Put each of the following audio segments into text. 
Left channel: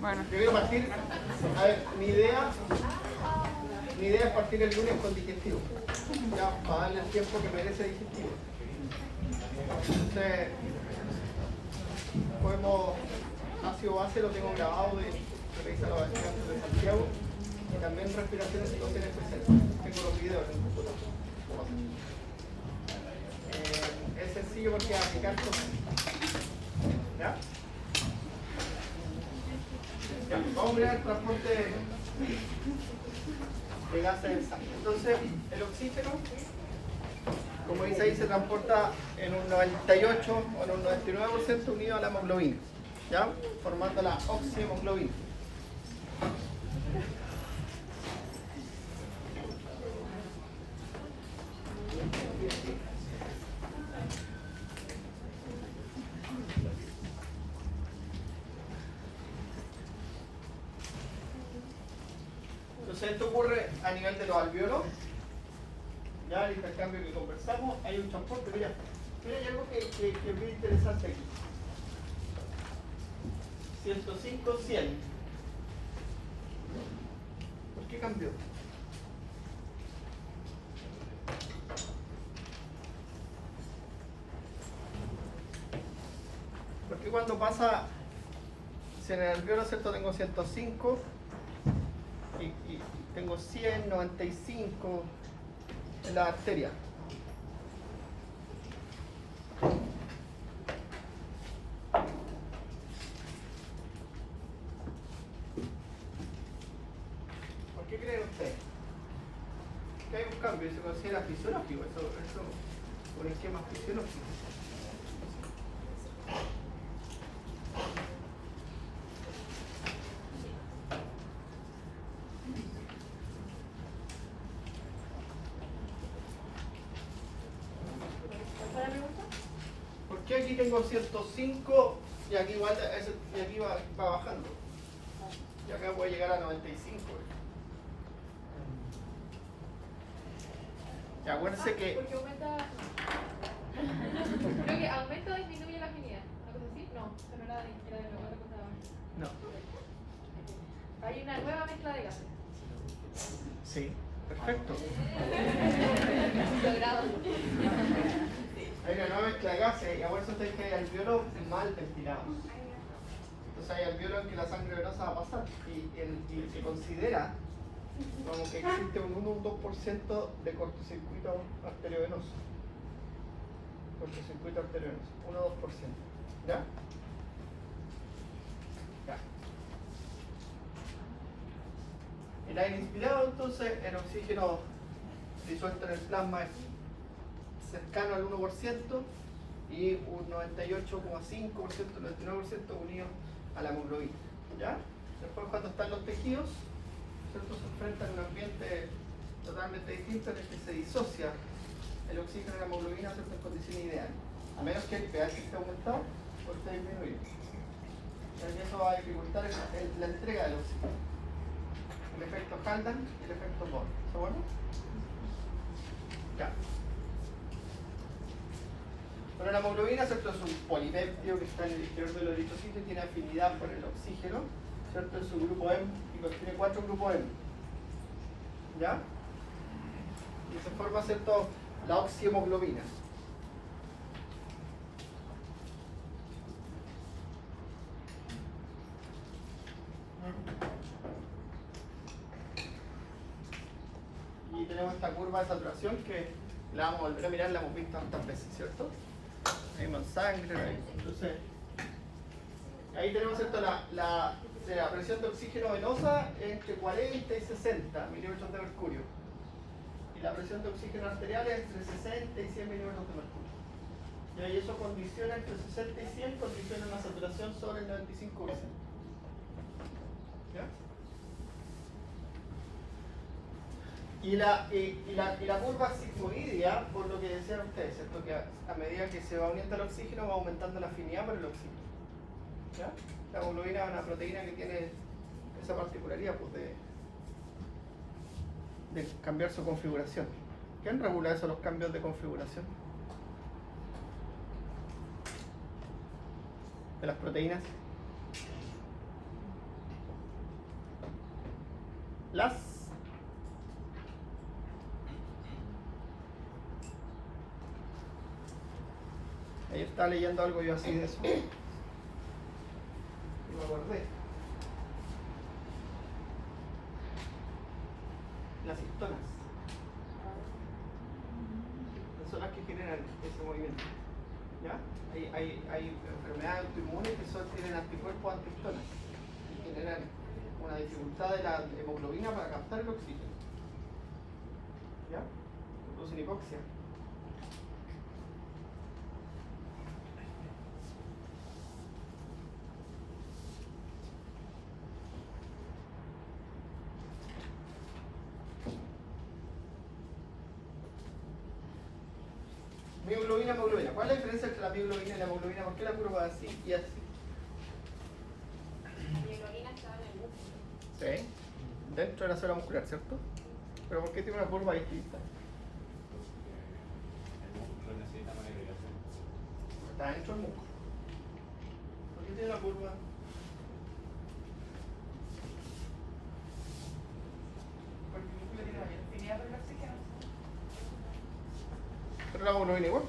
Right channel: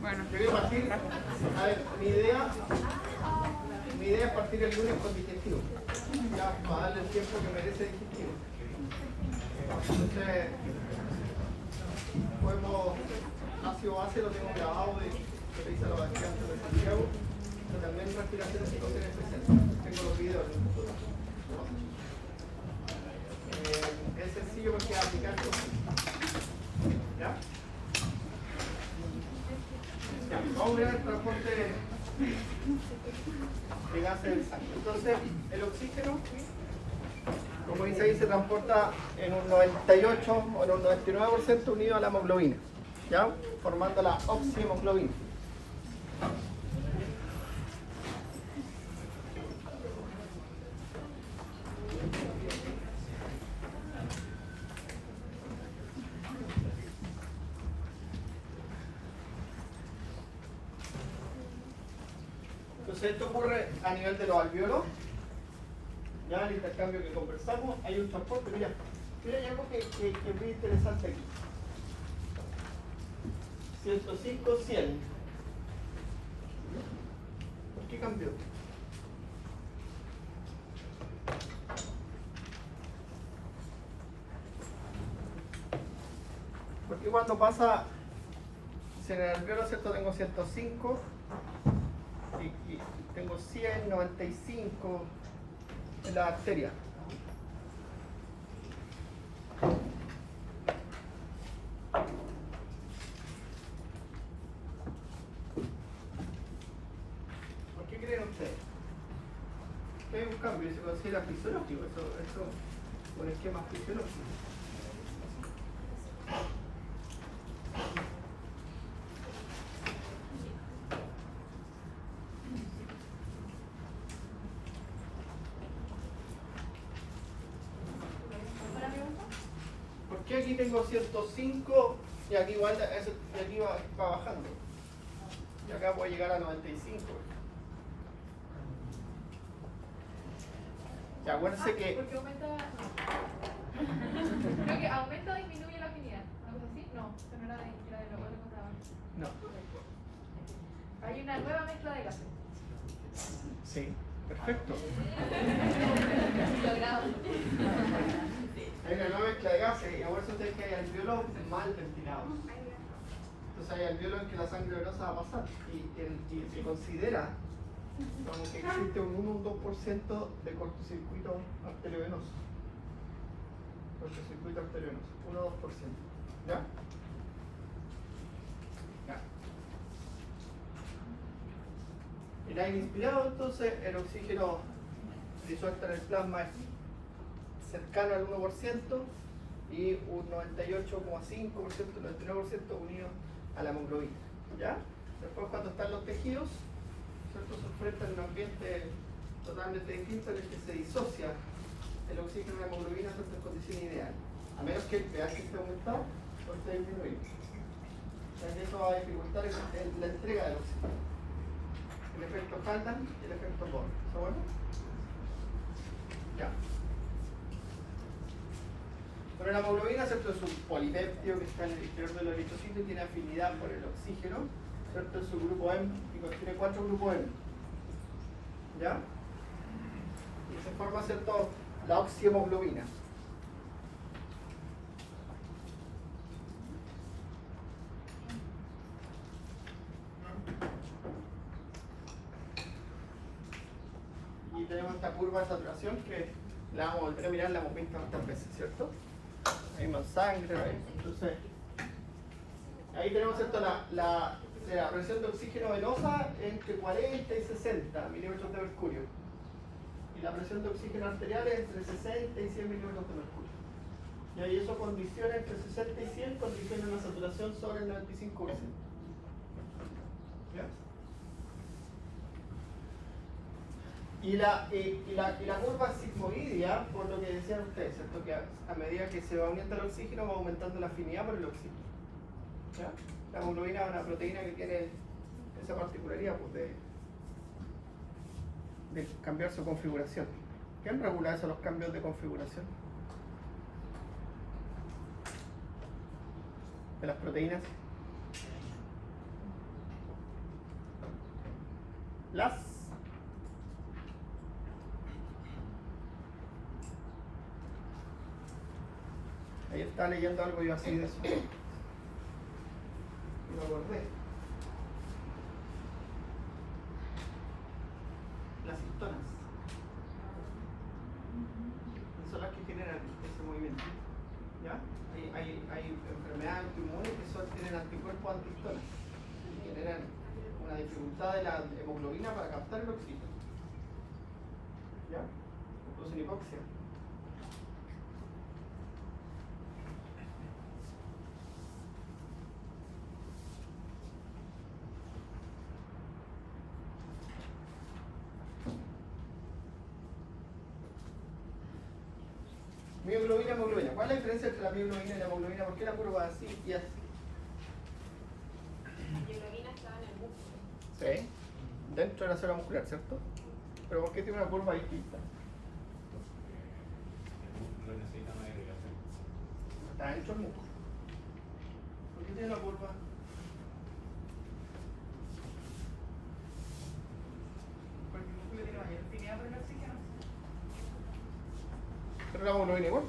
Bueno. Yo quiero partir. A ver, mi idea es partir el lunes con digestivo. Ya, para darle el tiempo que merece digestivo. Entonces, podemos, ácido base lo tengo grabado de revisar los descansos de Santiago y también respiración de situaciones especiales. Tengo los videos en el computador. Es sencillo porque aplicar cosas. ¿Ya? Ya, vamos a ver el transporte de gases en sangre. Entonces, el oxígeno, como dice ahí, se transporta en un 98 o en un 99% unido a la hemoglobina, ¿ya? Formando la oxihemoglobina. Entonces esto ocurre a nivel de los alvéolos. Ya el intercambio que conversamos, hay un transporte. Mira, hay algo que es bien interesante aquí. 105, 100. ¿Por qué cambió? Porque cuando pasa, si en el alvéolo, ¿cierto? Tengo 105 y tengo 100, 95 en la arteria. ¿Por qué creen ustedes? Que hay un cambio y se considera fisiológico, eso es un esquema fisiológico. ¿Por qué aquí tengo 105 y aquí igual y aquí va bajando? Y acá puede llegar a 95. Y acuérdense que... Porque aumenta... Creo que aumenta o disminuye la afinidad. ¿No es así? No, esa no era de lo que contaba. No. Hay una nueva mezcla de gases. Sí, perfecto. Hay una nueva mezcla de gases y acuérdense que hay alvéolos mal ventilados. Entonces hay alvéolos en que la sangre venosa va a pasar y se considera como que existe un 1 o un 2% de cortocircuito arteriovenoso. Cortocircuito arteriovenoso, 1 o 2%. ¿Ya? Ya. El aire inspirado, entonces, el oxígeno disuelto en el plasma es cercano al 1% y un 98,5%, 99% unido a la hemoglobina. ¿Ya? Después, cuando están los tejidos, ¿cierto? Se enfrentan a un ambiente totalmente distinto en el que se disocia el oxígeno y la hemoglobina, ¿cierto? En condiciones ideales. A menos que el pH esté aumentado o esté disminuido. Entonces, eso va a dificultar la entrega del oxígeno. El efecto Haldan y el efecto Bohr. ¿Se bueno? Ya. Pero la hemoglobina, ¿cierto? Es un polipéptido que está en el interior del eritrocito y tiene afinidad por el oxígeno, ¿cierto? Es su grupo M y contiene 4 grupos M. ¿Ya? Y se forma, ¿cierto? La oxihemoglobina. Y tenemos esta curva de saturación que la vamos a volver a mirar, la hemos visto tantas veces, ¿cierto? Ahí más sangre, ahí. Entonces, ahí tenemos, ¿cierto? La presión de oxígeno venosa entre 40 y 60 milímetros de mercurio. Y la presión de oxígeno arterial es entre 60 y 100 milímetros de mercurio. Y ahí eso condiciona entre 60 y 100, condiciona una saturación sobre el 95%. ¿Ya? Y la curva sigmoidea, por lo que decían ustedes, ¿cierto? Que a medida que se va uniendo el oxígeno va aumentando la afinidad por el oxígeno. ¿Ya? La hemoglobina es una proteína que tiene esa particularidad, pues, de cambiar su configuración. ¿Quién regula eso, los cambios de configuración de las proteínas? las ahí estaba leyendo algo yo así de eso. Y me acordé. Las histonas. Son las que generan ese movimiento. ¿Ya? Hay enfermedades autoinmunes que tienen anticuerpos antihistonas y generan una dificultad de la hemoglobina para captar el oxígeno. ¿Ya? Producen hipoxia. Mioglobina, hemoglobina. ¿Cuál es la diferencia entre la mioglobina y la hemoglobina? ¿Por qué la curva así y así? La mioglobina está en el músculo. Sí, dentro de la célula muscular, ¿cierto? Pero ¿por qué tiene una curva distinta? El músculo necesita más irrigación. Está dentro del músculo. ¿Por qué tiene una curva? Porque el músculo tiene mayor afinidad por el oxígeno. Pero la hemoglobina igual.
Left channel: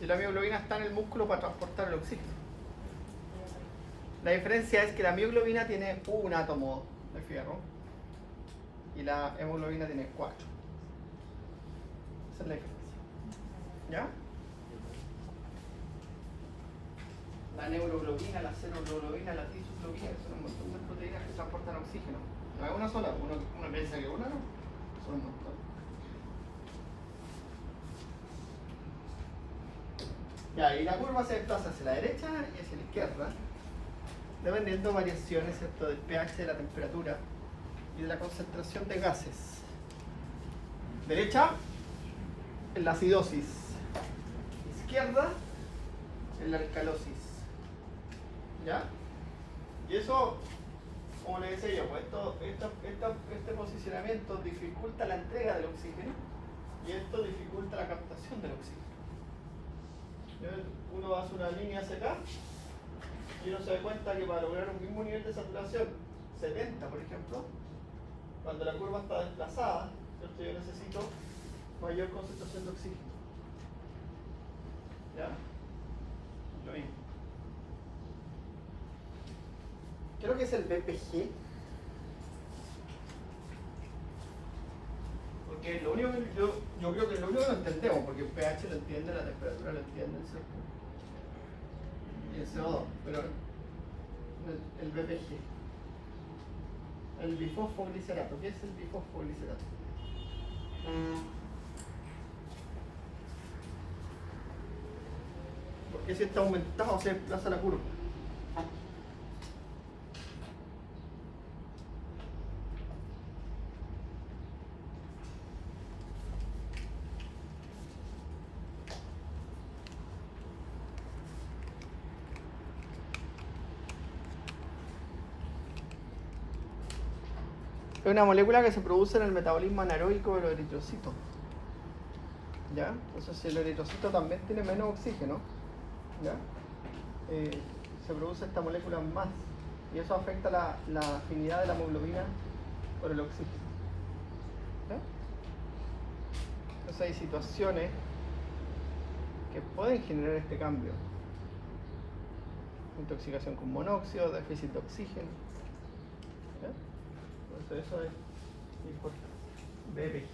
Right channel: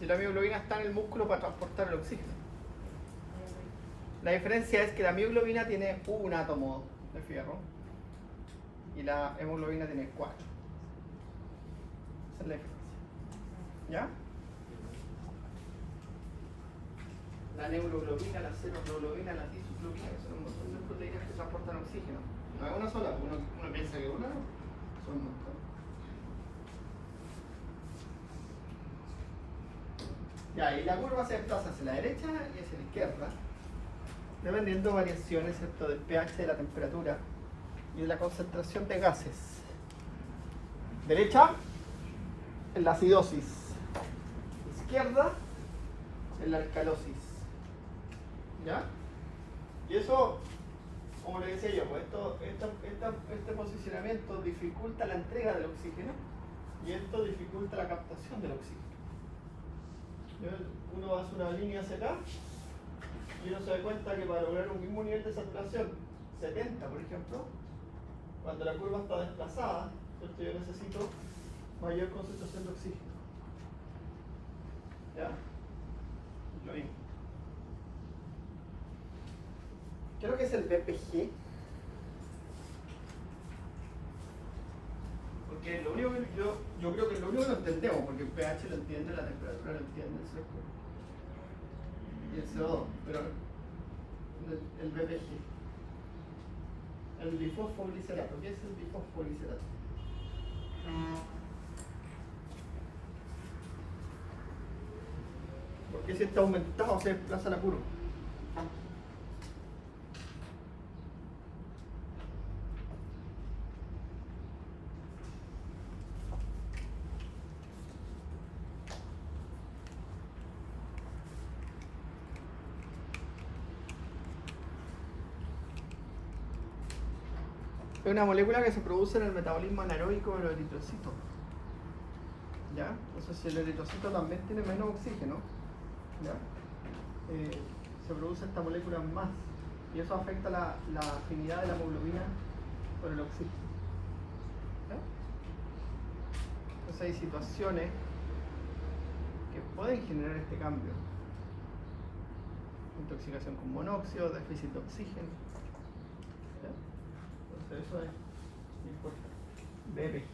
Si la mioglobina está en el músculo para transportar el oxígeno. La diferencia es que la mioglobina tiene un átomo de fierro y la hemoglobina tiene 4. Esa es la diferencia. ¿Ya? La neuroglobina, la seroglobina, la disoglobina, que son un montón de proteínas que transportan oxígeno. No es una sola, uno piensa que una no. Son un montón. Ya, y la curva se desplaza hacia la derecha y hacia la izquierda, dependiendo de variaciones, ¿cierto?, del pH, de la temperatura y de la concentración de gases. Derecha, en la acidosis. Izquierda, en la alcalosis. ¿Ya? Y eso, como le decía yo, pues este posicionamiento dificulta la entrega del oxígeno y esto dificulta la captación del oxígeno. Uno hace una línea hacia acá y uno se da cuenta que para lograr un mismo nivel de saturación, 70 por ejemplo, cuando la curva está desplazada, ¿cierto?, yo necesito mayor concentración de oxígeno. ¿Ya? Lo mismo. Creo que es el BPG. Porque lo único que yo creo que lo único que lo entendemos, porque el pH lo entiende, la temperatura lo entiende, ¿cierto? Y el CO2, pero el BPG. El bifosfoglicerato. ¿Qué es el bifosfoglicerato? Porque si está aumentado se desplaza la curva. Es una molécula que se produce en el metabolismo anaeróbico de los eritrocitos. ¿Ya? Entonces el eritrocito también tiene menos oxígeno. ¿Ya? Se produce esta molécula más. Y eso afecta la afinidad de la hemoglobina por el oxígeno. ¿Ya? Entonces hay situaciones que pueden generar este cambio. Intoxicación con monóxido, déficit de oxígeno. ¿Ya? Entonces eso es importante. BPG.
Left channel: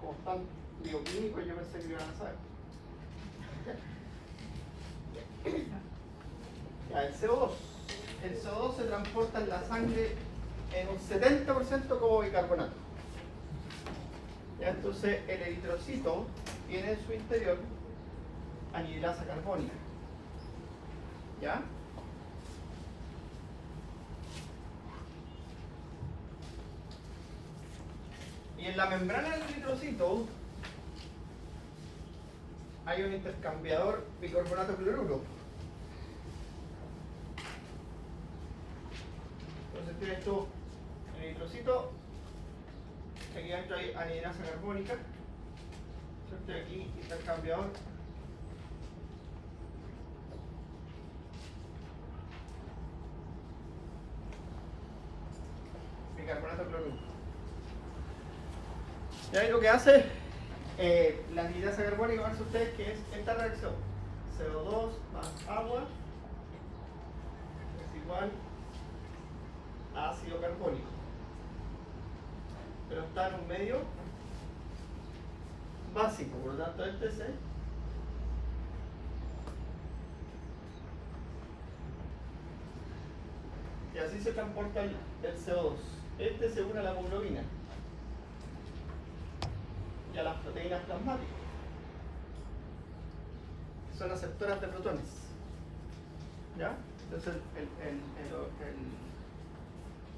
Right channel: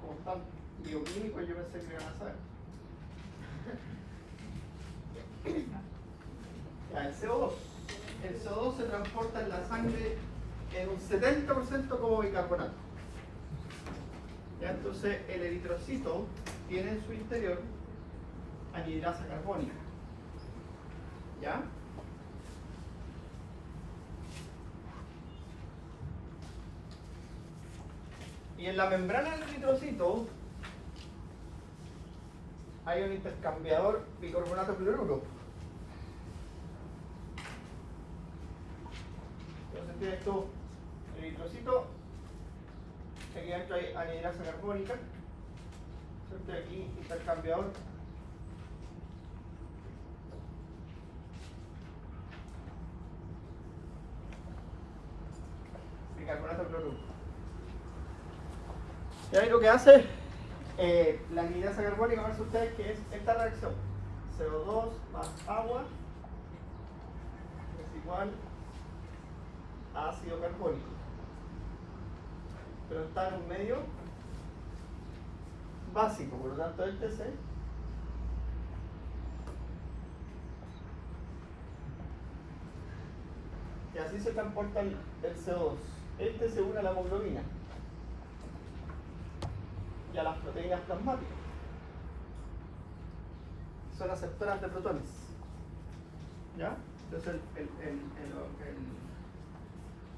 Como están bioquímicos, yo pensé que lo iban a saber. Ya, el CO2. El CO2 se transporta en la sangre en un 70% como bicarbonato. Ya, entonces el eritrocito tiene en su interior anhidrasa carbónica. ¿Ya? Y en la membrana del eritrocito hay un intercambiador bicarbonato-cloruro. Entonces tienes tú el eritrocito, aquí adentro hay anhidrasa carbónica, ¿cierto? Aquí intercambiador bicarbonato de cloruro. Y ahí lo que hace la anhidasa carbónica, verán ustedes que es esta reacción. CO2 más agua es igual a ácido carbónico. Pero está en un medio básico, por lo tanto este se y así se transporta el CO2. Este se une a la hemoglobina y a las proteínas plasmáticas. Son aceptoras de protones. ¿Ya? Entonces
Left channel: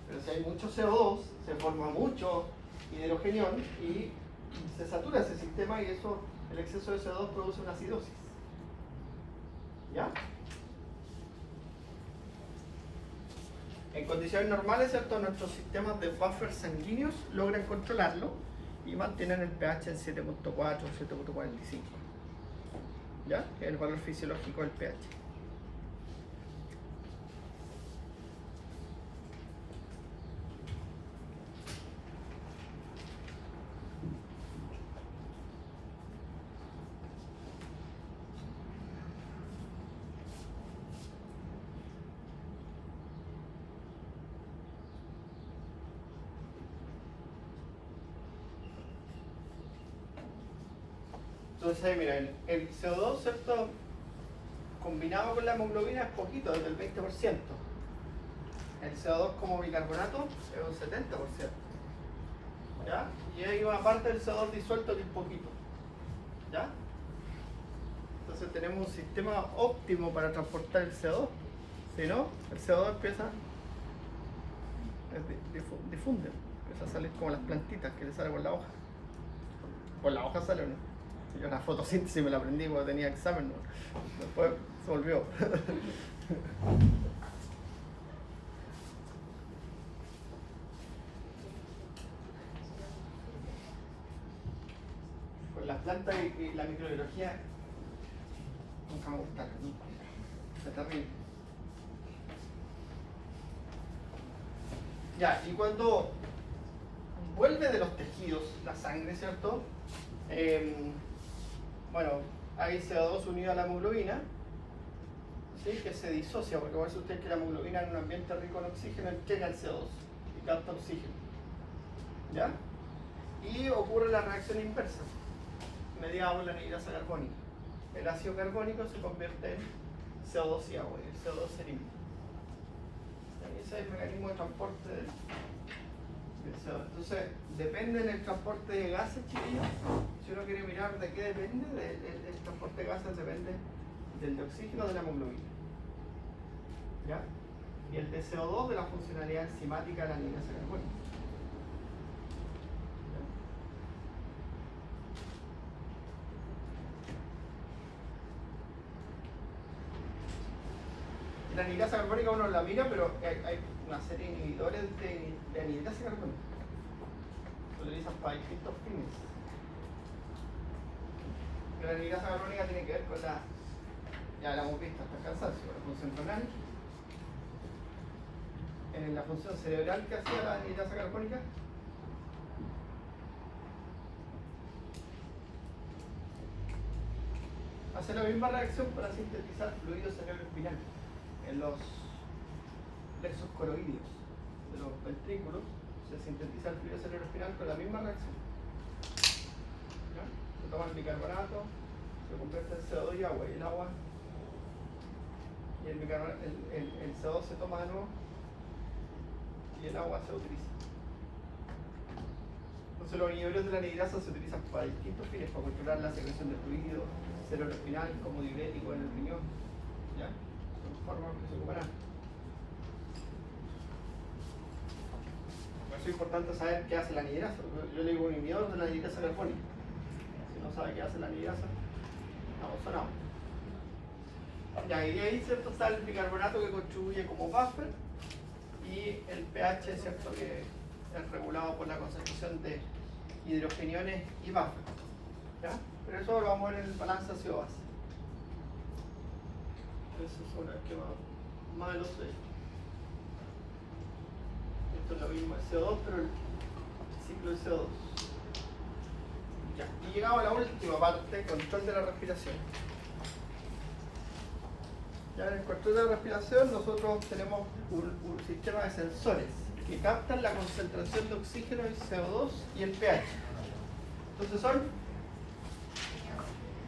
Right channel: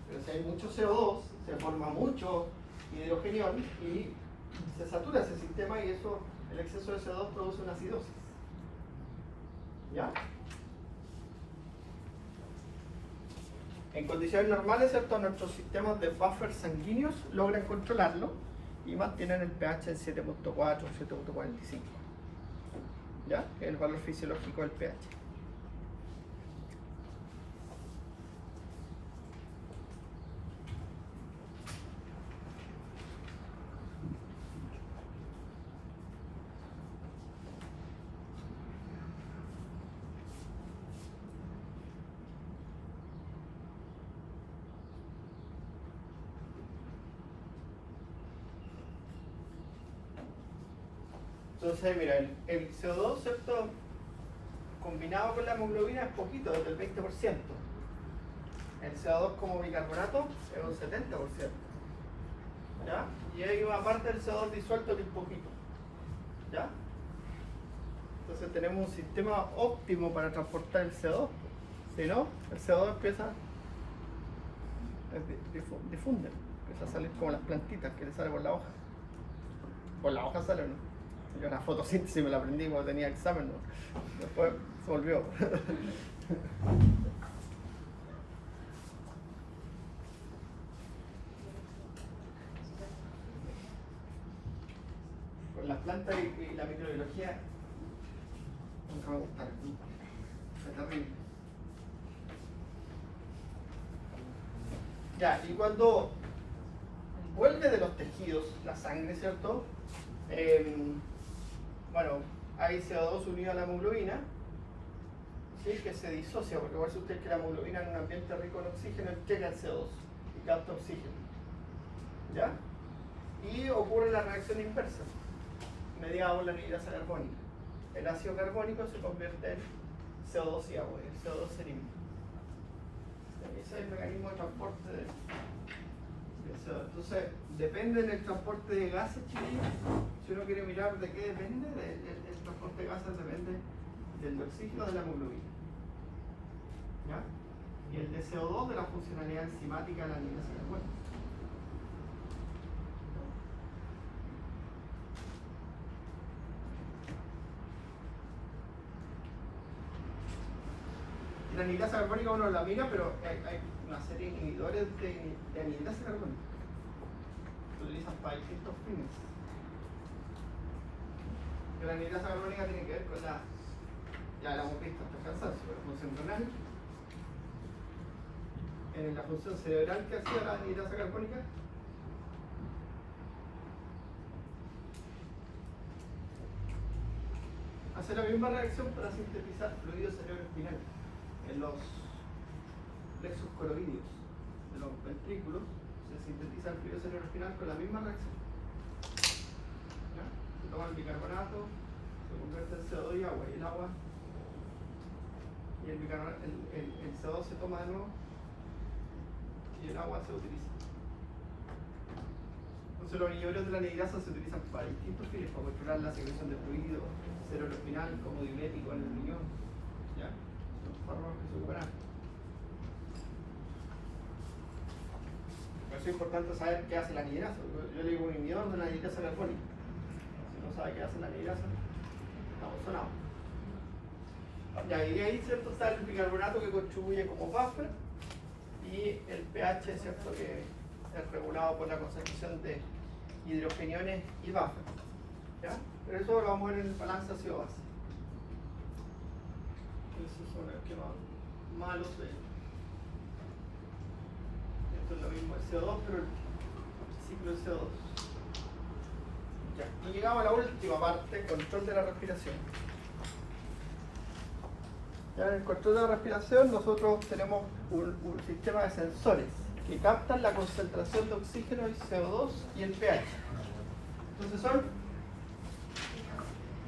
pero si hay mucho CO2, se forma mucho hidrogenión y se satura ese sistema y eso, el exceso de CO2 produce una acidosis. ¿Ya? En condiciones normales, ¿cierto? Nuestros sistemas de buffer sanguíneos logran controlarlo y mantienen el pH en 7.4 o 7.45. ¿Ya? Que es el valor fisiológico del pH. Entonces ahí mira, el CO2, ¿cierto? Combinado con la hemoglobina es poquito, desde el 20%. El CO2 como bicarbonato es un 70%. ¿Ya? Y hay una parte del CO2 disuelto que es poquito. ¿Ya? Entonces tenemos un sistema óptimo para transportar el CO2. Si no, el CO2 empieza difunde, empieza a salir como las plantitas que le sale por la hoja. Por la hoja sale, ¿no? Yo la fotosíntesis me la aprendí cuando tenía examen, ¿no? Después se volvió. Con las plantas y la microbiología nunca me gustaron. Es terrible. Ya, y cuando vuelve de los tejidos la sangre, ¿cierto? Bueno, hay CO2 unido a la hemoglobina, ¿sí? Que se disocia, porque parece usted que la hemoglobina en un ambiente rico en oxígeno entrega el CO2 y capta oxígeno. ¿Ya? Y ocurre la reacción inversa, mediada por la anhidasa carbónica. El ácido carbónico se convierte en CO2 y agua, el CO2 se elimina. Ese es el mecanismo de transporte del CO2. Entonces, depende del transporte de gases, chiquillos. Si uno quiere mirar de qué depende, del transporte de gases depende del de oxígeno de la hemoglobina. ¿Ya? Y el de CO2 de la funcionalidad enzimática de la anhidasa carbónica. La anhidasa carbónica uno la mira, pero hay una serie de inhibidores de anhidasa carbónica. Se utilizan para distintos fines. La anhidasa carbónica tiene que ver con la, ya la hemos visto hasta el cansancio, la función renal, la función cerebral que hacía la anhidasa carbónica. Hace la misma reacción para sintetizar fluido cerebroespinal en los plexos coroideos de los ventrículos. Se sintetiza el fluido cerebroespinal con la misma reacción. ¿Ya? Se toma el bicarbonato, se convierte en CO2 y agua, y el agua y el CO2 se toma de nuevo y el agua se utiliza. Entonces los inhibidores de la anhidasa se utilizan para distintos fines, para controlar la secreción de fluido cerebroespinal, como diurético en el riñón. ¿Ya? Son formas que se ocupan. Por eso es importante saber qué hace la anhidasa. Yo le digo un inhibidor de la anhidasa carbónica. Si no sabe qué hace la anhidasa, estamos sonados. Ya, y ahí, ¿cierto? Está el bicarbonato que contribuye como buffer y el pH, ¿cierto? Que es regulado por la concentración de hidrogeniones y buffer. ¿Ya? Pero eso lo vamos a ver en el balance ácido-base. Eso son los que más los Esto es lo mismo el CO2, pero el ciclo de CO2. Ya, y llegamos a la última parte, control de la respiración. Ya en el control de la respiración nosotros tenemos un sistema de sensores que captan la concentración de oxígeno, el CO2 y el pH. Entonces son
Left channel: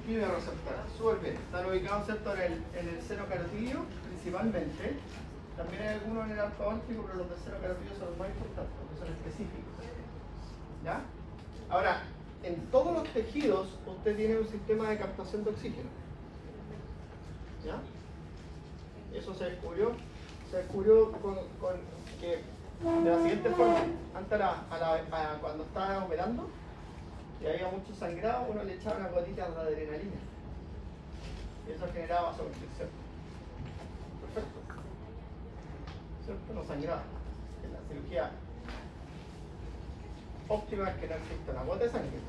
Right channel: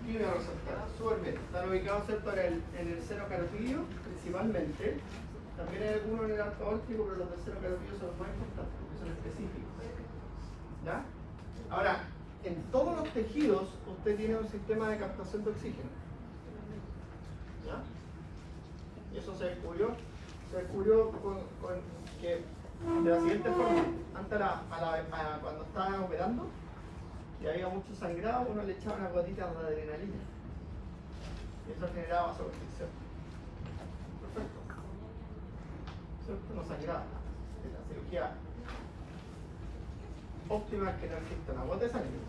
quimioreceptores, súper bien. Están ubicados ¿cierto? en el seno carotídeo principalmente. También hay algunos en el arco aórtico, pero los del seno carotídeo son los más importantes, porque son específicos. ¿Ya? Ahora, en todos los tejidos usted tiene un sistema de captación de oxígeno. ¿Ya? Eso se descubrió que de la siguiente forma, antes cuando estaban operando y había mucho sangrado, uno le echaba una gotita de adrenalina y eso generaba vasoconstricción. Perfecto. ¿Cierto? No sangraba. En la cirugía óptima es que no existe una gota de sangre.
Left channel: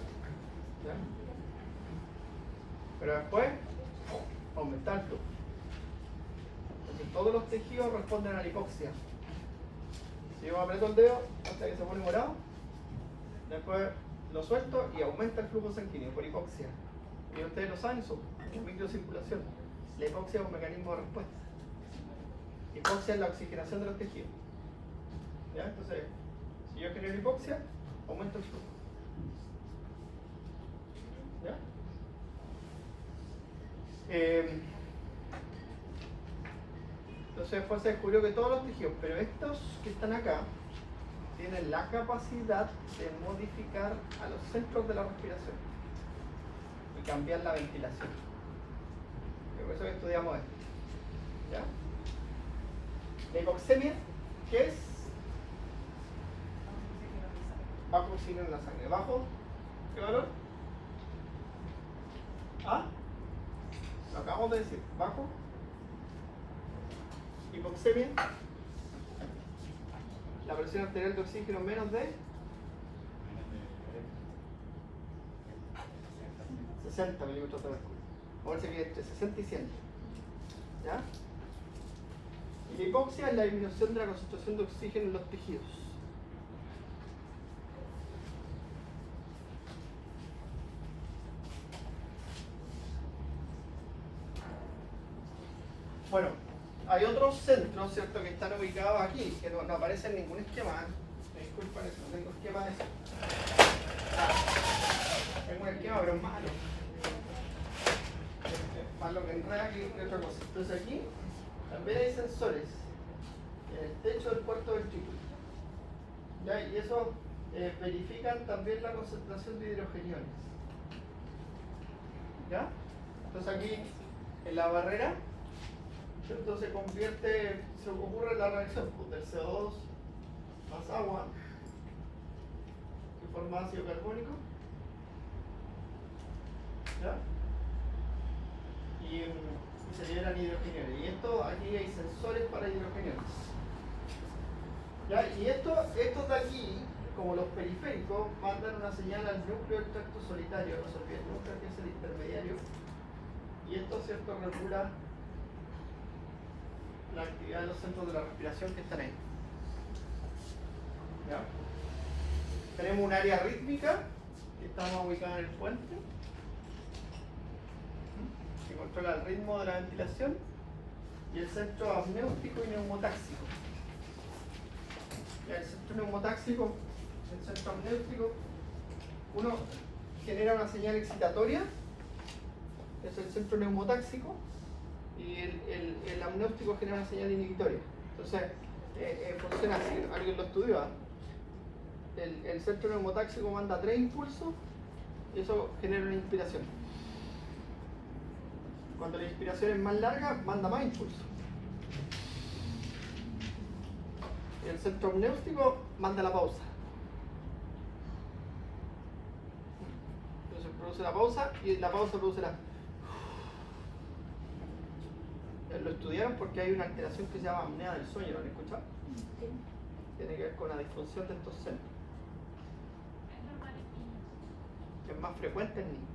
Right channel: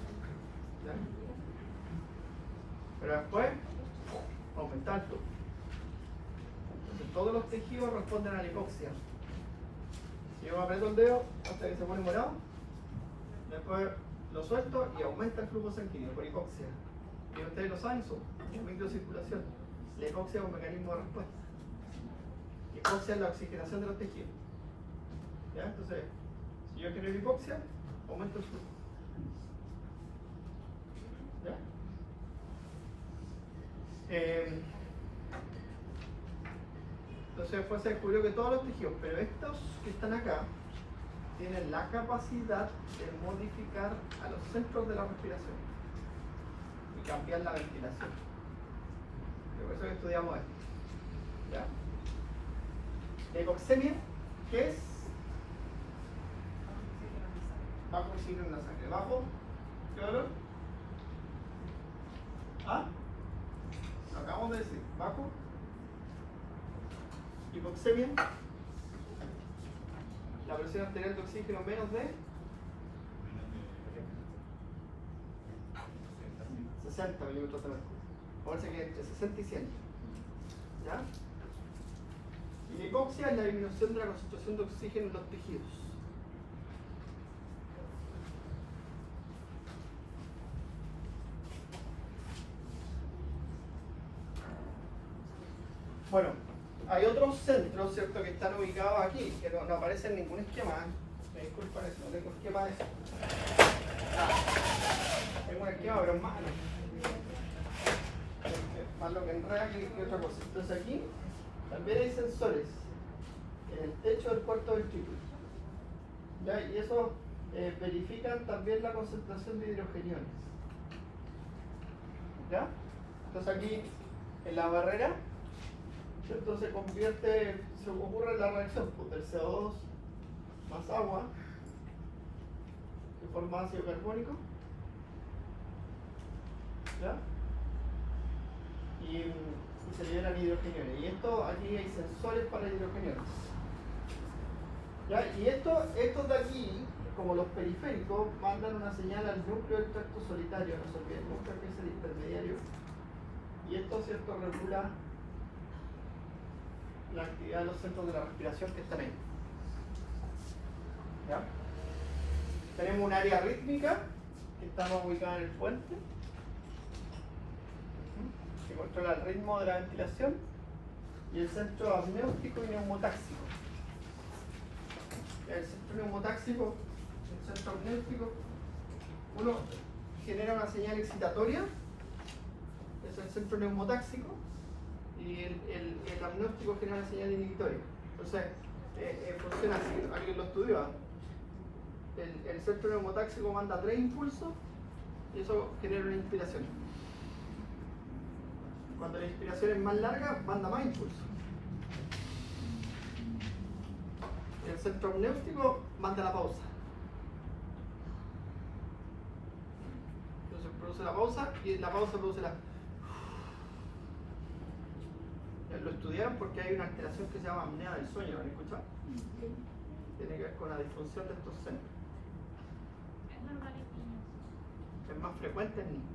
¿Ya? Pero después aumentar el flujo. Porque todos los tejidos responden a la hipoxia. Si yo aprieto el dedo hasta que se pone morado, después lo suelto y aumenta el flujo sanguíneo por hipoxia. Y ustedes lo saben, son microcirculación. La hipoxia es un mecanismo de respuesta. Hipoxia es la oxigenación de los tejidos. ¿Ya? Entonces, si yo genero hipoxia, aumento el flujo. ¿Ya? Entonces después se descubrió que todos los tejidos, pero estos que están acá, tienen la capacidad de modificar a los centros de la respiración y cambiar la ventilación. Y por eso que estudiamos esto. ¿Ya? La hipoxemia, ¿qué es? Bajo oxígeno en la sangre. ¿Bajo? ¿Qué valor? ¿Ah? Lo acabamos de decir. ¿Bajo? Hipoxemia. La presión arterial de oxígeno menos de 60 milímetros de mercurio. Parece que entre 60 y 100. ¿Ya? Y la hipoxia es la disminución de la concentración de oxígeno en los tejidos. Bueno, hay otros centros, ¿cierto?, que están ubicados aquí, que no aparecen en ningún esquema. Me disculpan eso, no tengo esquema de eso. Tengo un esquema, pero es malo. Es más lo que enreda que otra cosa. Entonces aquí también hay sensores en el techo del cuarto ventrículo. ¿Ya? Y eso verifican también la concentración de hidrogeniones. ¿Ya? Entonces aquí en la barrera, entonces se ocurre la reacción pues, del CO2 más agua que forma ácido carbónico, ¿ya? Y se liberan hidrogeniones. Y esto, aquí hay sensores para hidrogeniones, ¿ya? Y estos de aquí, como los periféricos, mandan una señal al núcleo del tracto solitario, no se olviden nunca que es el intermediario, y esto, ¿cierto?, regula la actividad de los centros de la respiración que están ahí. ¿Ya? Tenemos un área rítmica que estamos ubicada en el puente, que controla el ritmo de la ventilación, y el centro amniótico y neumotáxico. ¿Ya? El centro neumotáxico, el centro amniótico, uno genera una señal excitatoria, es el centro neumotáxico, y el amniótico genera una señal inhibitoria. Entonces, funciona así, alguien lo estudió. El centro neumotáxico manda 3 impulsos y eso genera una inspiración. Cuando la inspiración es más larga, manda más impulsos. El centro amniótico manda la pausa. Entonces produce la pausa y la pausa produce la... Lo estudiaron porque hay una alteración que se llama apnea del sueño, ¿lo han escuchado? Tiene que ver con la disfunción de estos centros. Es normal. Es más frecuente en niños.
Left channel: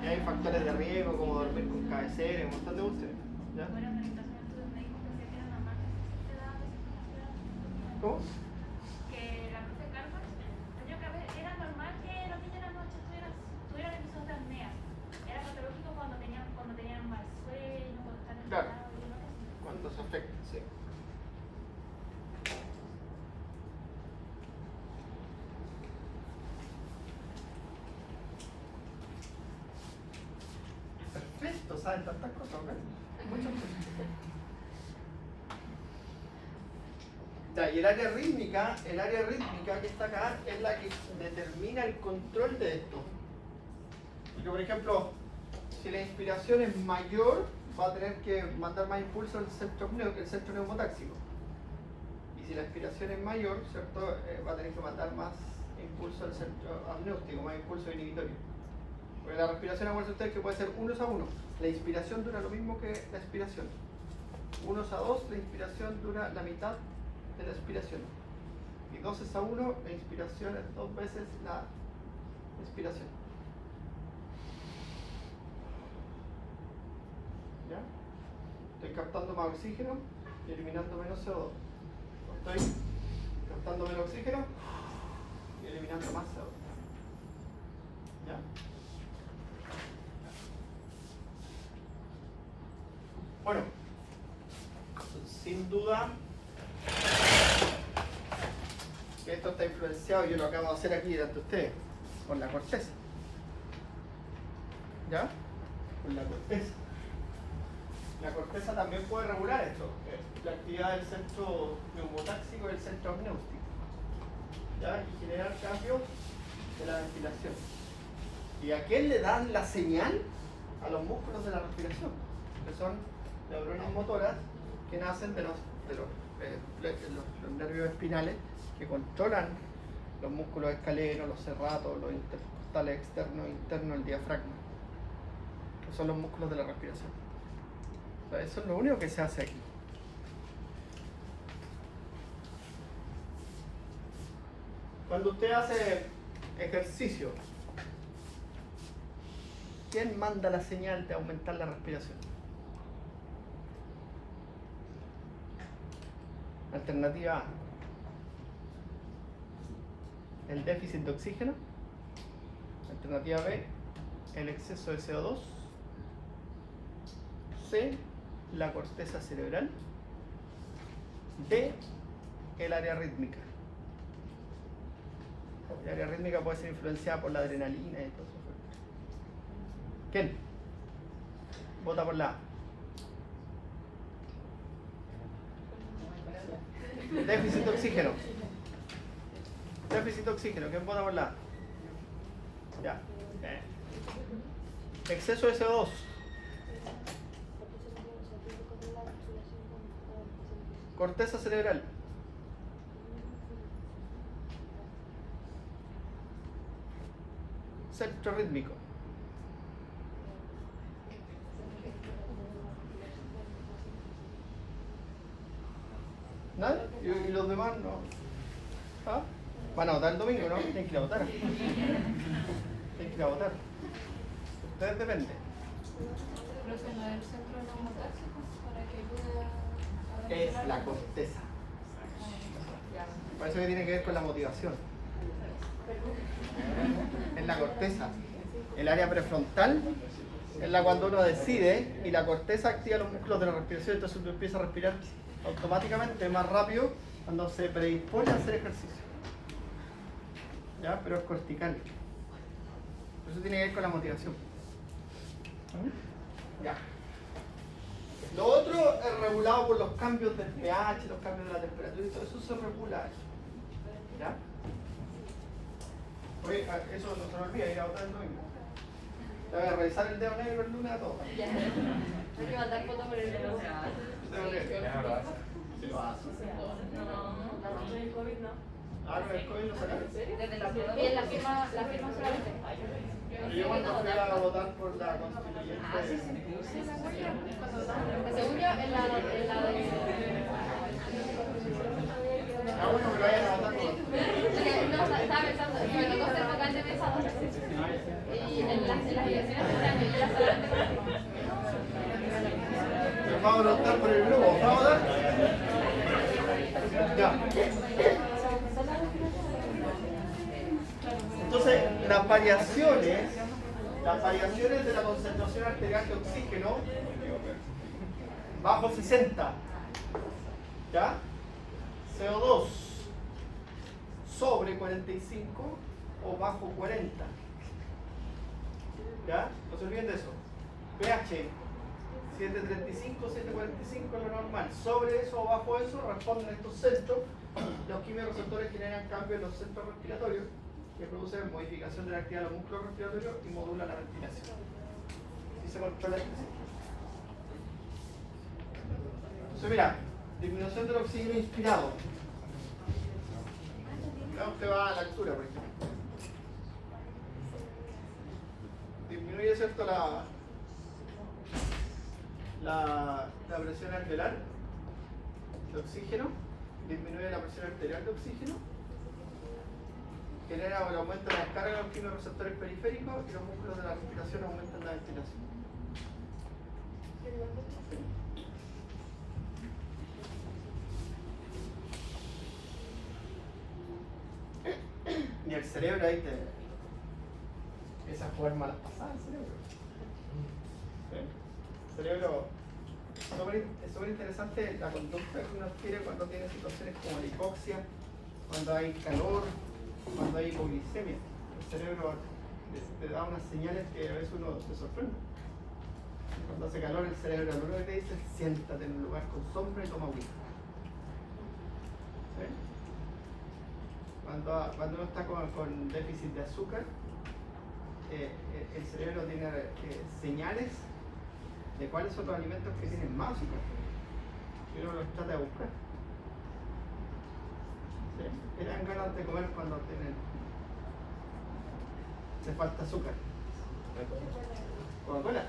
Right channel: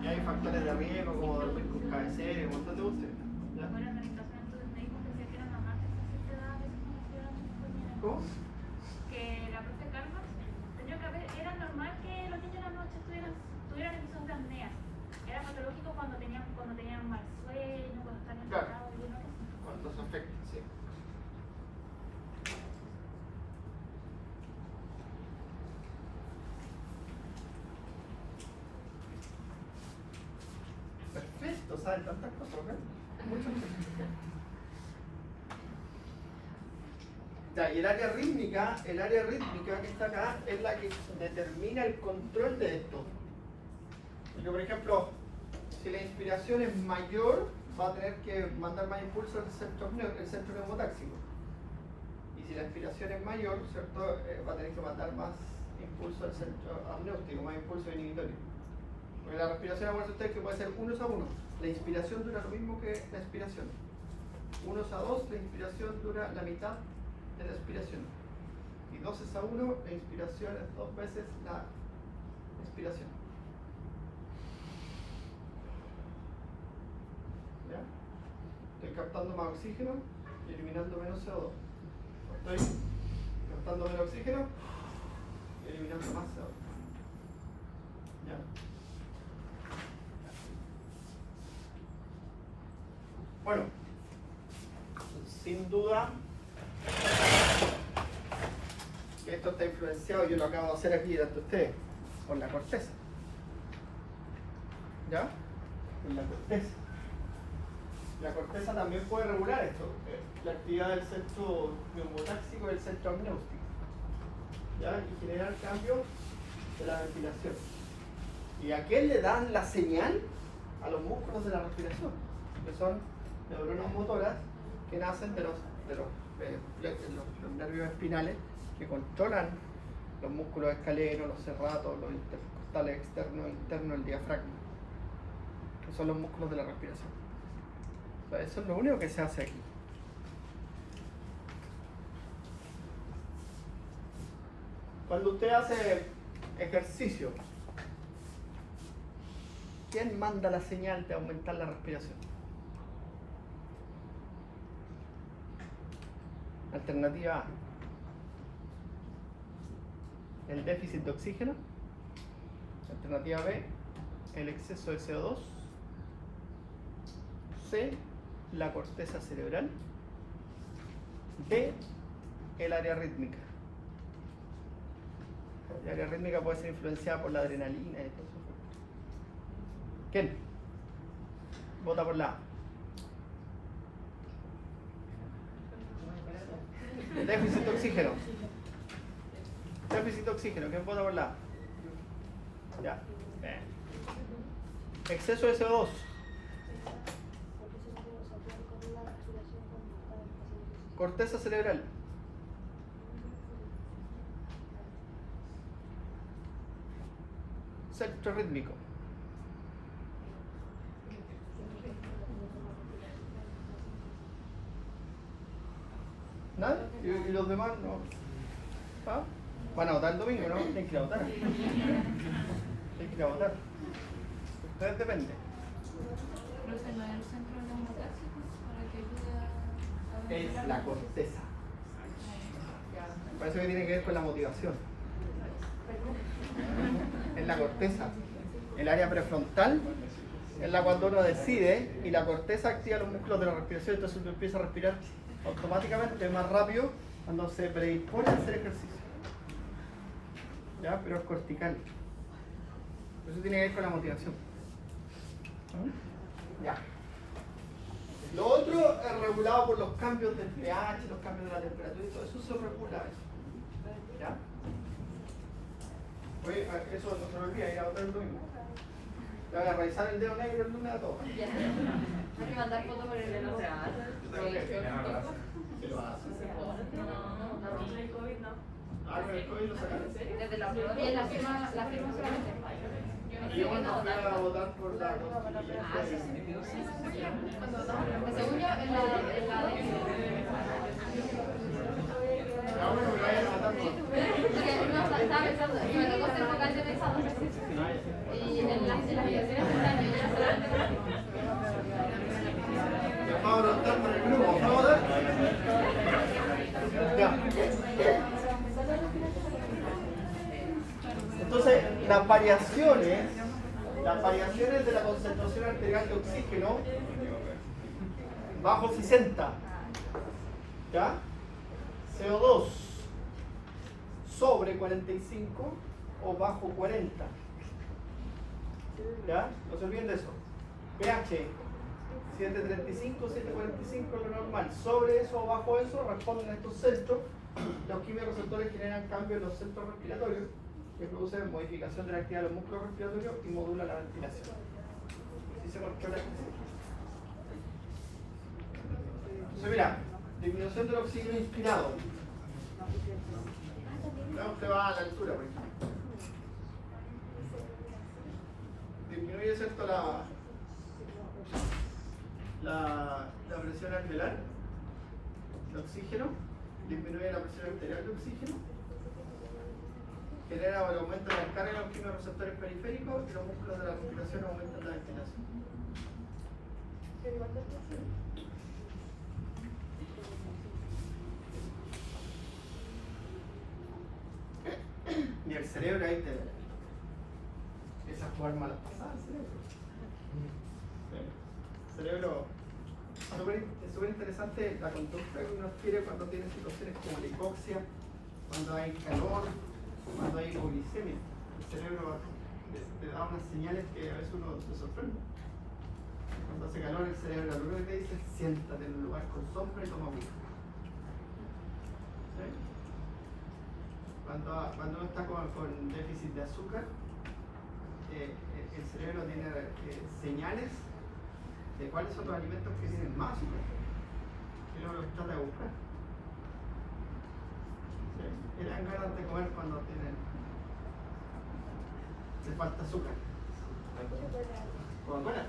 Y hay factores de riesgo como dormir con cabecera y un montón de cuestiones. ¿Ya? Buenas medicaciones, entonces me dijo que decía que era normal que se daba ¿Cómo? Que la profe Carlos tenía que ver, era normal que los niños de la noche tuvieran episodios de apnea. Era patológico cuando tenían mal sueño, cuando están Claro. enfadados y no sé. ¿Cuántos afecta? Sí. Perfecto, saben tantas cosas, ¿verdad? Muchas cosas. Ya, y el área rítmica que está acá es la que determina el control de esto. Porque, por ejemplo, si la inspiración es mayor, va a tener que mandar más impulso el centro neumotáxico. Y si la inspiración es mayor, ¿cierto? Va a tener que mandar más impulso al centro amniótico, más impulso inhibitorio. Porque la respiración, acuérdense ustedes que puede ser 1:1. La inspiración dura lo mismo que la expiración. 1:2, la inspiración dura la mitad de la expiración. Y 2:1, la inspiración es 2 veces la expiración. ¿Ya? Estoy captando más oxígeno y eliminando menos CO2. Estoy captando menos oxígeno y eliminando más CO2. ¿Ya? Bueno, sin duda que esto está influenciado, yo lo acabo de hacer aquí delante de ustedes, por la corteza. ¿Ya? Por la corteza. La corteza también puede regular esto, la actividad del centro neumotáxico y el centro amniótico. ¿Ya? Y generar cambios de la ventilación. ¿Y a quién le dan la señal? A los músculos de la respiración, que son neuronas motoras que nacen de los nervios espinales que controlan los músculos escalenos, los serratos, los intercostales externos e internos, el diafragma, que son los músculos de la respiración. O sea, eso es lo único que se hace aquí. Cuando usted hace ejercicio, ¿quién manda la señal de aumentar la respiración? Alternativa A, el déficit de oxígeno. Alternativa B, el exceso de CO2. C, la corteza cerebral. D, el área rítmica. El área rítmica puede ser influenciada por la adrenalina y todo eso. ¿Quién? Vota por la A. Déficit de oxígeno. Déficit de oxígeno. ¿Quién vota por la A? Ya. Exceso de CO2. Corteza cerebral. Centro rítmico. ¿Nadie? ¿Y los demás no? ¿Ah? Van a votar el domingo, ¿no? Tienen que ir a votar. Tienen que ir a votar. Ustedes dependen. Profe, ¿no es el centro neumotáxico para que ayude a Es la corteza. Por eso que tiene que ver con la motivación. Es la corteza. El área prefrontal es la cuando uno decide y la corteza activa los músculos de la respiración, entonces uno empieza a respirar automáticamente más rápido cuando se predispone a hacer ejercicio. ¿Ya? Pero es cortical. Eso tiene que ver con la motivación. Ya. Lo otro es regulado por los cambios del pH, los cambios de la temperatura y todo eso se regula. ¿Ya? Oye, eso no se me olvida, ir a votar el domingo. Te voy a revisar el dedo negro el lunes a todos. Hay que mandar fotos por el dedo. Se lo hace. el COVID no. Ah, pero el COVID lo sacaron. Desde la prueba. Y en la firma solamente. Yo cuando fui a votar por la constituyente. Según yo, en la Ah, bueno, que vayan a votar por. estaba pensando, que me tocó ser vocal de pensador. Y en las elecciones por año, yo era solamente. Vamos a votar por el grupo. ¿Vamos a votar? Ya. las variaciones de la concentración arterial de oxígeno bajo 60, ¿ya? CO2 sobre 45 o bajo 40, ¿ya? No se olviden de eso. pH 735, 745 es lo normal. Sobre eso o bajo eso responden a estos centros. Los quimiorreceptores generan cambios en los centros respiratorios que producen modificación de la actividad de los músculos respiratorios y modula la ventilación. ¿Sí se controla esto? Entonces mira, disminución del oxígeno inspirado. Ya usted va a la altura, por ejemplo. Disminuye, ¿cierto?, la presión arterial de oxígeno, disminuye la presión arterial de oxígeno, genera el aumento de la descarga de los quimiorreceptores periféricos y los músculos de la respiración aumentan la ventilación. Y el cerebro ahí te empieza a jugar malas pasadas. El cerebro es súper interesante la conducta que uno adquiere cuando tiene situaciones como la hipoxia, cuando hay calor, cuando hay hipoglicemia. El cerebro te da unas señales que a veces uno se sorprende. Cuando hace calor, el cerebro lo único que te dice es siéntate en un lugar con sombra y toma agua. ¿Sí? Cuando uno está con déficit de azúcar, el cerebro tiene señales de cuáles son los alimentos que tienen más azúcar y uno los trata de buscar. ¿Sí? Le dan ganas de comer cuando le falta azúcar. Coca-Cola.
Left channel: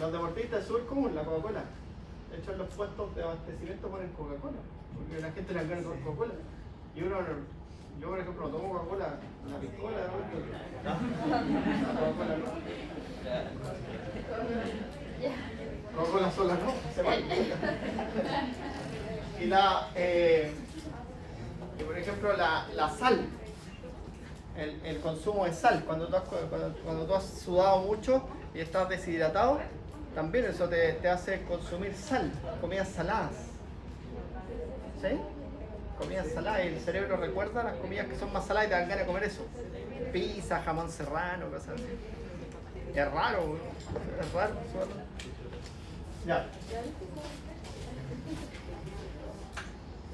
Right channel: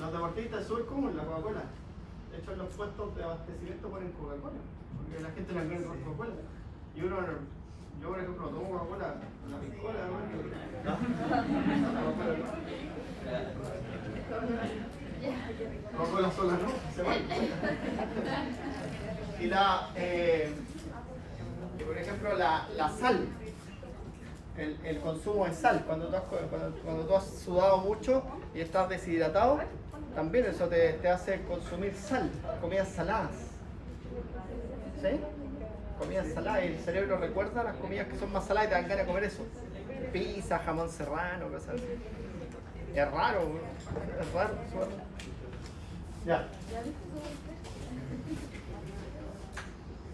Los deportistas súper común la Coca-Cola. De hecho, en los puestos de abastecimiento ponen Coca-Cola, porque la gente le gana con Coca-Cola. Y uno, yo por ejemplo, no tomo Coca-Cola, una piscola, Coca-Cola sola no, se va. Y por ejemplo, la sal, el consumo de sal, cuando tú has sudado mucho y estás deshidratado, también eso te hace consumir sal, comidas saladas. ¿Sí? Comidas saladas, y el cerebro recuerda las comidas que son más saladas y te dan ganas de comer eso. Pizza, jamón serrano, cosas así. Es raro, es raro. Ya.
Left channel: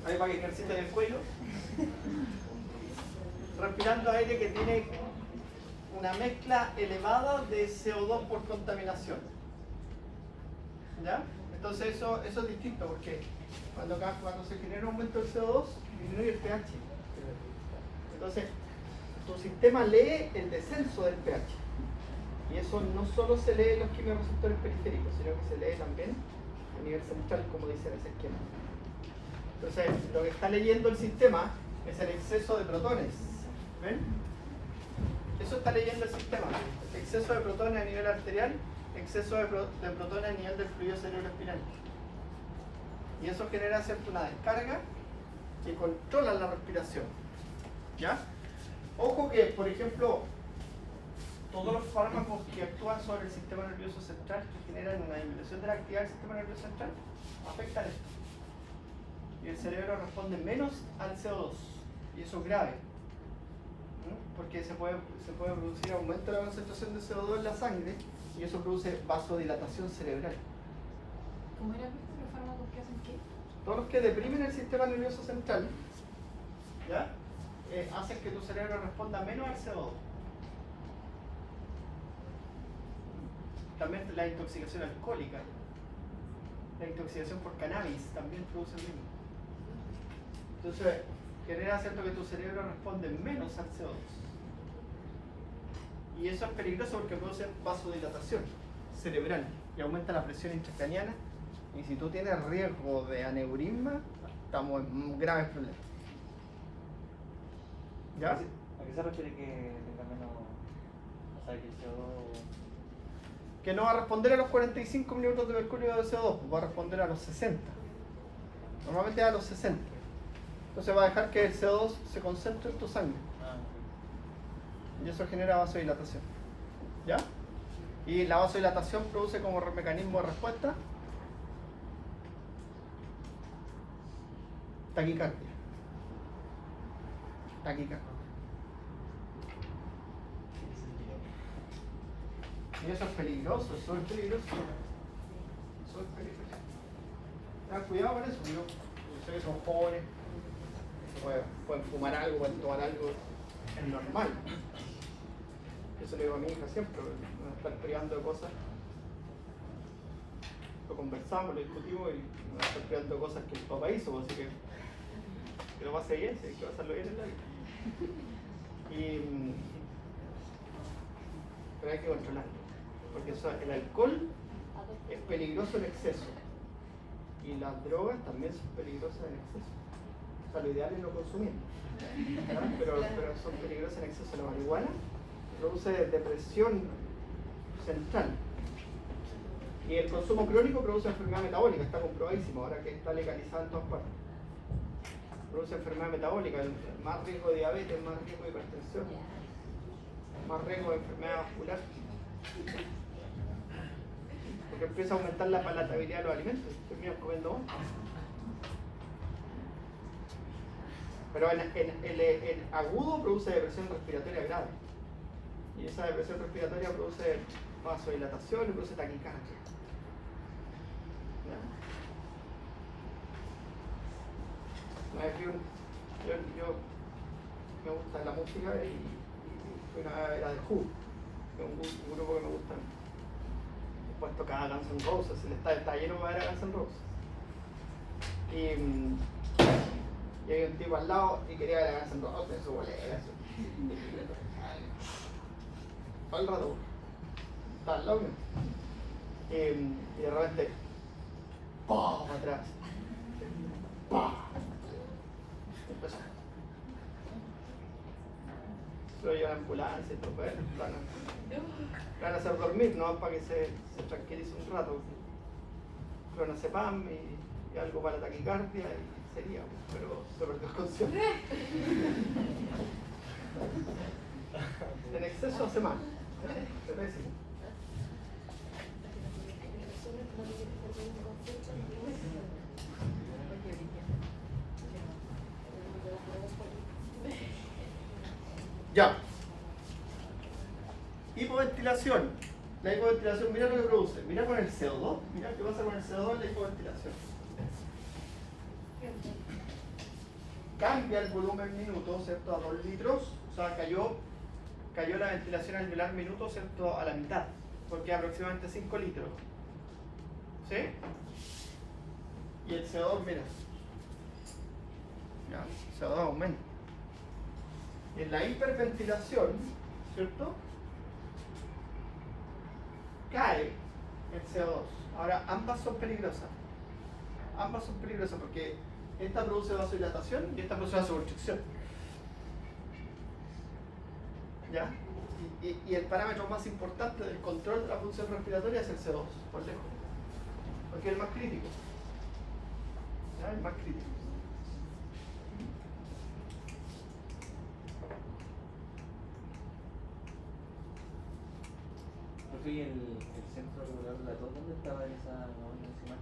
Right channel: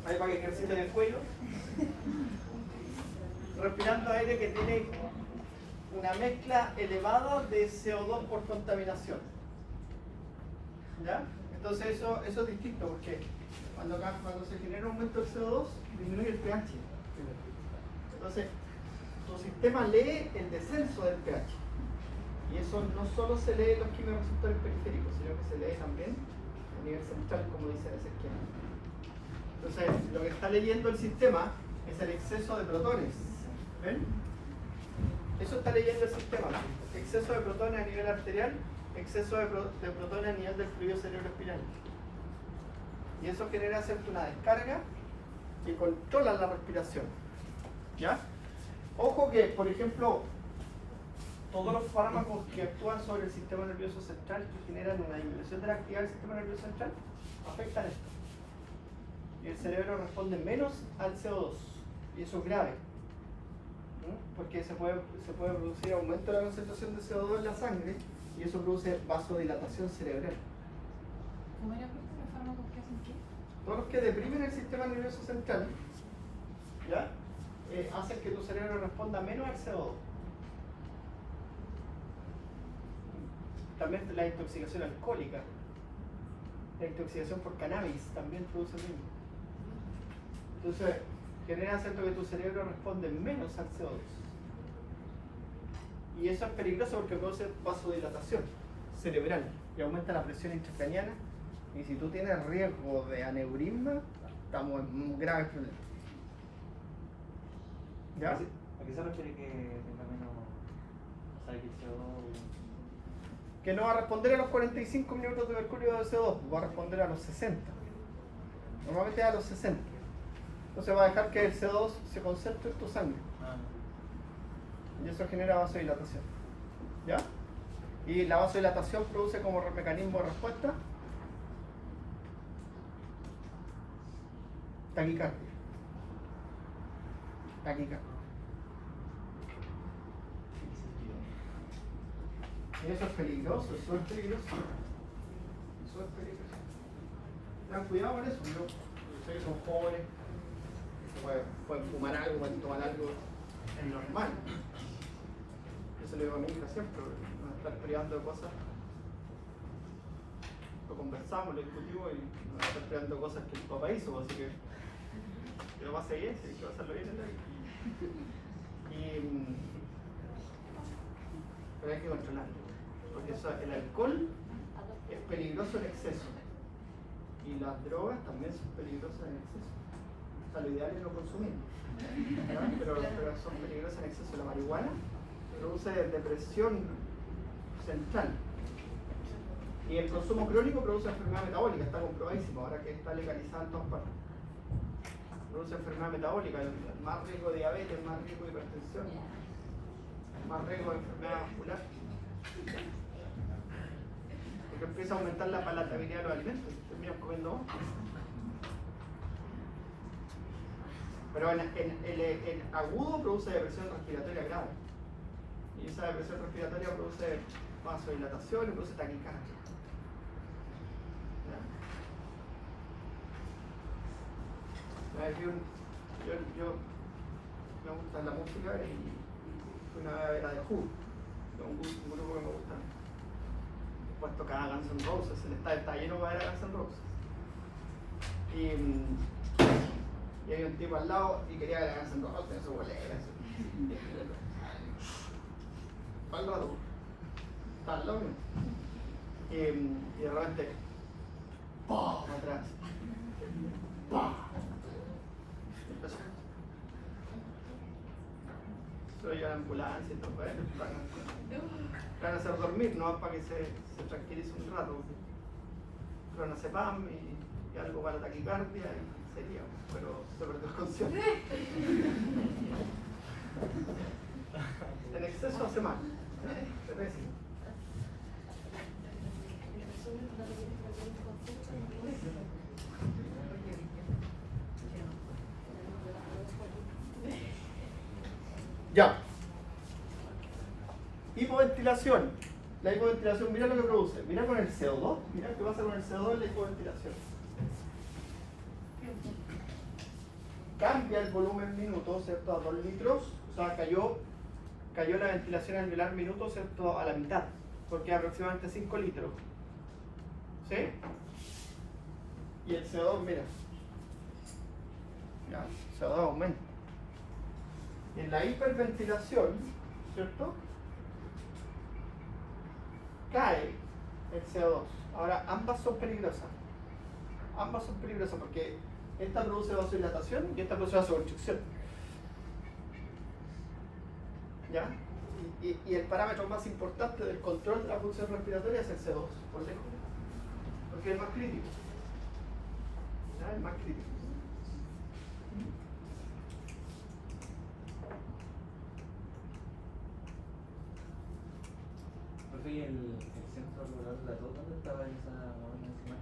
Ahí para que ejerciten el cuello. Respirando aire que tiene una mezcla elevada de CO2 por contaminación. ¿Ya? Entonces eso es distinto porque cuando se genera un aumento del CO2 disminuye el pH. Entonces tu sistema lee el descenso del pH. Y eso no solo se lee en los quimiorreceptores periféricos, sino que se lee también a nivel central, como dice ese esquema. Entonces lo que está leyendo el sistema es el exceso de protones. ¿Ven? Eso está leyendo el sistema. Exceso de protones a nivel arterial, exceso de protones a nivel del fluido cerebroespinal. Y eso genera, ¿cierto?, una descarga que controla la respiración. ¿Ya? Ojo que, por ejemplo, todos los fármacos que actúan sobre el sistema nervioso central, que generan una disminución de la actividad del sistema nervioso central, afectan esto. Y el cerebro responde menos al CO2. Y eso es grave. Porque se puede producir aumento de la concentración de CO2 en la sangre y eso produce vasodilatación cerebral. ¿Cómo era visto los fármacos que hacen qué? Todos los que deprimen el sistema nervioso central, ¿ya? Hacen que tu cerebro responda menos al CO2. También la intoxicación alcohólica, la intoxicación por cannabis también produce lo mismo. Entonces, genera, ¿cierto?, que tu cerebro responde menos al CO2. Y eso es peligroso porque produce vasodilatación cerebral y aumenta la presión intracraniana. Y si tú tienes riesgo de aneurisma, estamos en graves problemas. ¿Ya? ¿A qué se refiere que tenga menos, o sea, que el CO2? Que no va a responder a los 45 minutos de mercurio de CO2, va a responder a los 60. Normalmente a los 60. Entonces va a dejar que el CO2 se concentre en tu sangre. y eso genera vasodilatación. ¿Ya? Y la vasodilatación produce como mecanismo de respuesta taquicardia. Taquicardia. Y eso es peligroso, es súper peligroso. Súper peligroso. Tengan cuidado con eso. Ustedes son jóvenes, pueden fumar algo, pueden tomar algo, es normal. Eso le digo a mi hija siempre, no estar peleando de cosas. Lo conversamos, lo discutimos y no estar peleando de cosas que el papá hizo, así que lo pase bien, si hay que pasarlo bien en la vida. Pero hay que controlarlo, porque el alcohol es peligroso en exceso y las drogas también son peligrosas en exceso. O sea, lo ideal es no consumir, pero son peligrosas en exceso. La marihuana produce depresión central y el consumo crónico produce enfermedad metabólica, está comprobadísimo, ahora que está legalizada en todas partes. Produce enfermedad metabólica, más riesgo de diabetes, más riesgo de hipertensión, más riesgo de enfermedad vascular. Porque empieza a aumentar la palatabilidad de los alimentos, terminas comiendo más. Pero el agudo produce depresión respiratoria grave. Y esa depresión respiratoria produce vasodilatación y produce taquicardia. Yo me gusta la música y una vez era de Who, un grupo que me gusta. Pues tocaba Guns N' Roses, el estadio está lleno de Guns N' Roses. Y había un tipo al lado y quería ver a Guns N' Roses, su bolera, todo el rato. Estaba al lado mío. Y de repente, ¡pum! Atrás. ¡Pum! Empezó. Lo llevan a la ambulancia y todo, bueno, van a hacer dormir, ¿no? Para que se tranquilice un rato. Clonazepam y algo para la taquicardia y sería, pero se perdió el concierto. En exceso hace mal, pero es así. Ya. Hipoventilación. La hipoventilación, mira lo que produce. Mira con el CO2. Mira qué pasa con el CO2 en la hipoventilación. Cambia el volumen minuto, ¿cierto? A 2 litros. O sea, cayó la ventilación alveolar minuto, ¿cierto? A la mitad. Porque aproximadamente 5 litros. ¿Sí? Y el CO2, mira. Ya, el CO2 aumenta. En la hiperventilación, ¿cierto? Cae el CO2. Ahora, ambas son peligrosas. Ambas son peligrosas porque esta produce vasodilatación y esta produce vasoconstricción. ¿Ya? Y el parámetro más importante del control de la función respiratoria es el CO2, por lejos. Porque es el más crítico. ¿Ya? El más crítico. ¿Y el centro rural Platón dónde estaba esa organización?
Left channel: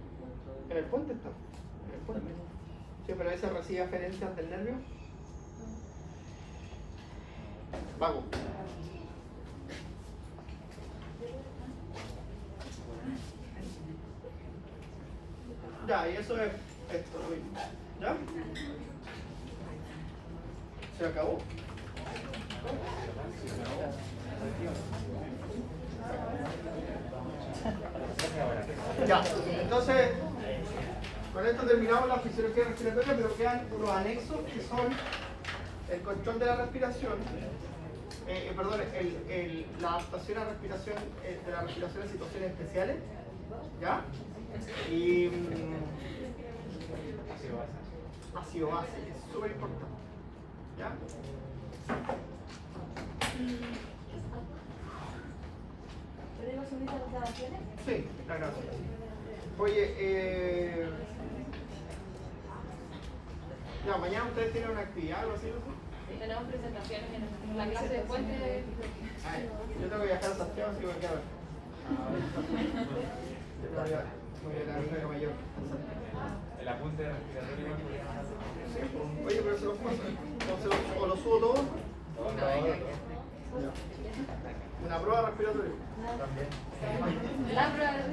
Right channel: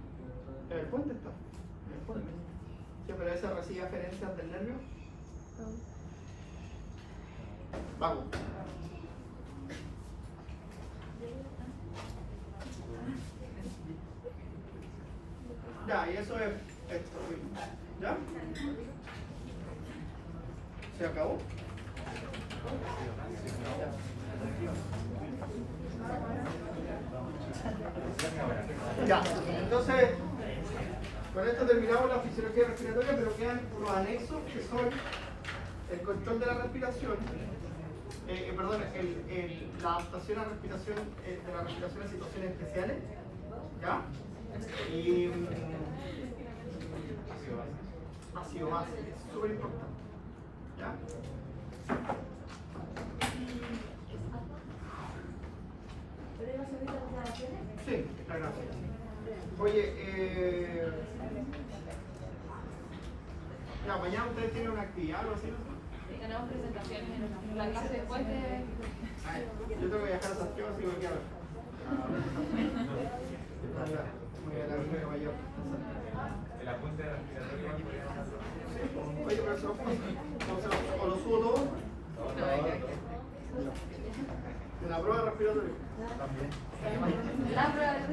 En el puente está. En el puente. Sí, pero ese recibe aferencias del nervio. Vago. Ya, y eso es esto lo mismo. ¿Ya? Se acabó. Ya, entonces con esto terminamos la fisiología respiratoria, pero quedan unos anexos que son el control de la respiración, la adaptación a respiración, de la respiración en situaciones especiales, ¿ya? Y ácido base, es súper importante, ¿ya? ¿Podemos subir las grabaciones? Sí, la gracia. Oye, ya, mañana ustedes tienen una actividad o algo así, ¿no? Tenemos presentaciones en la clase. después de... Yo tengo que viajar a Santiago, así que me quiero ver. Voy a la Río Mayor. El apunte respiratorio igual podría mandarlo. Oye, pero se lo puedo, o lo subo todo. Una prueba respiratoria. La prueba de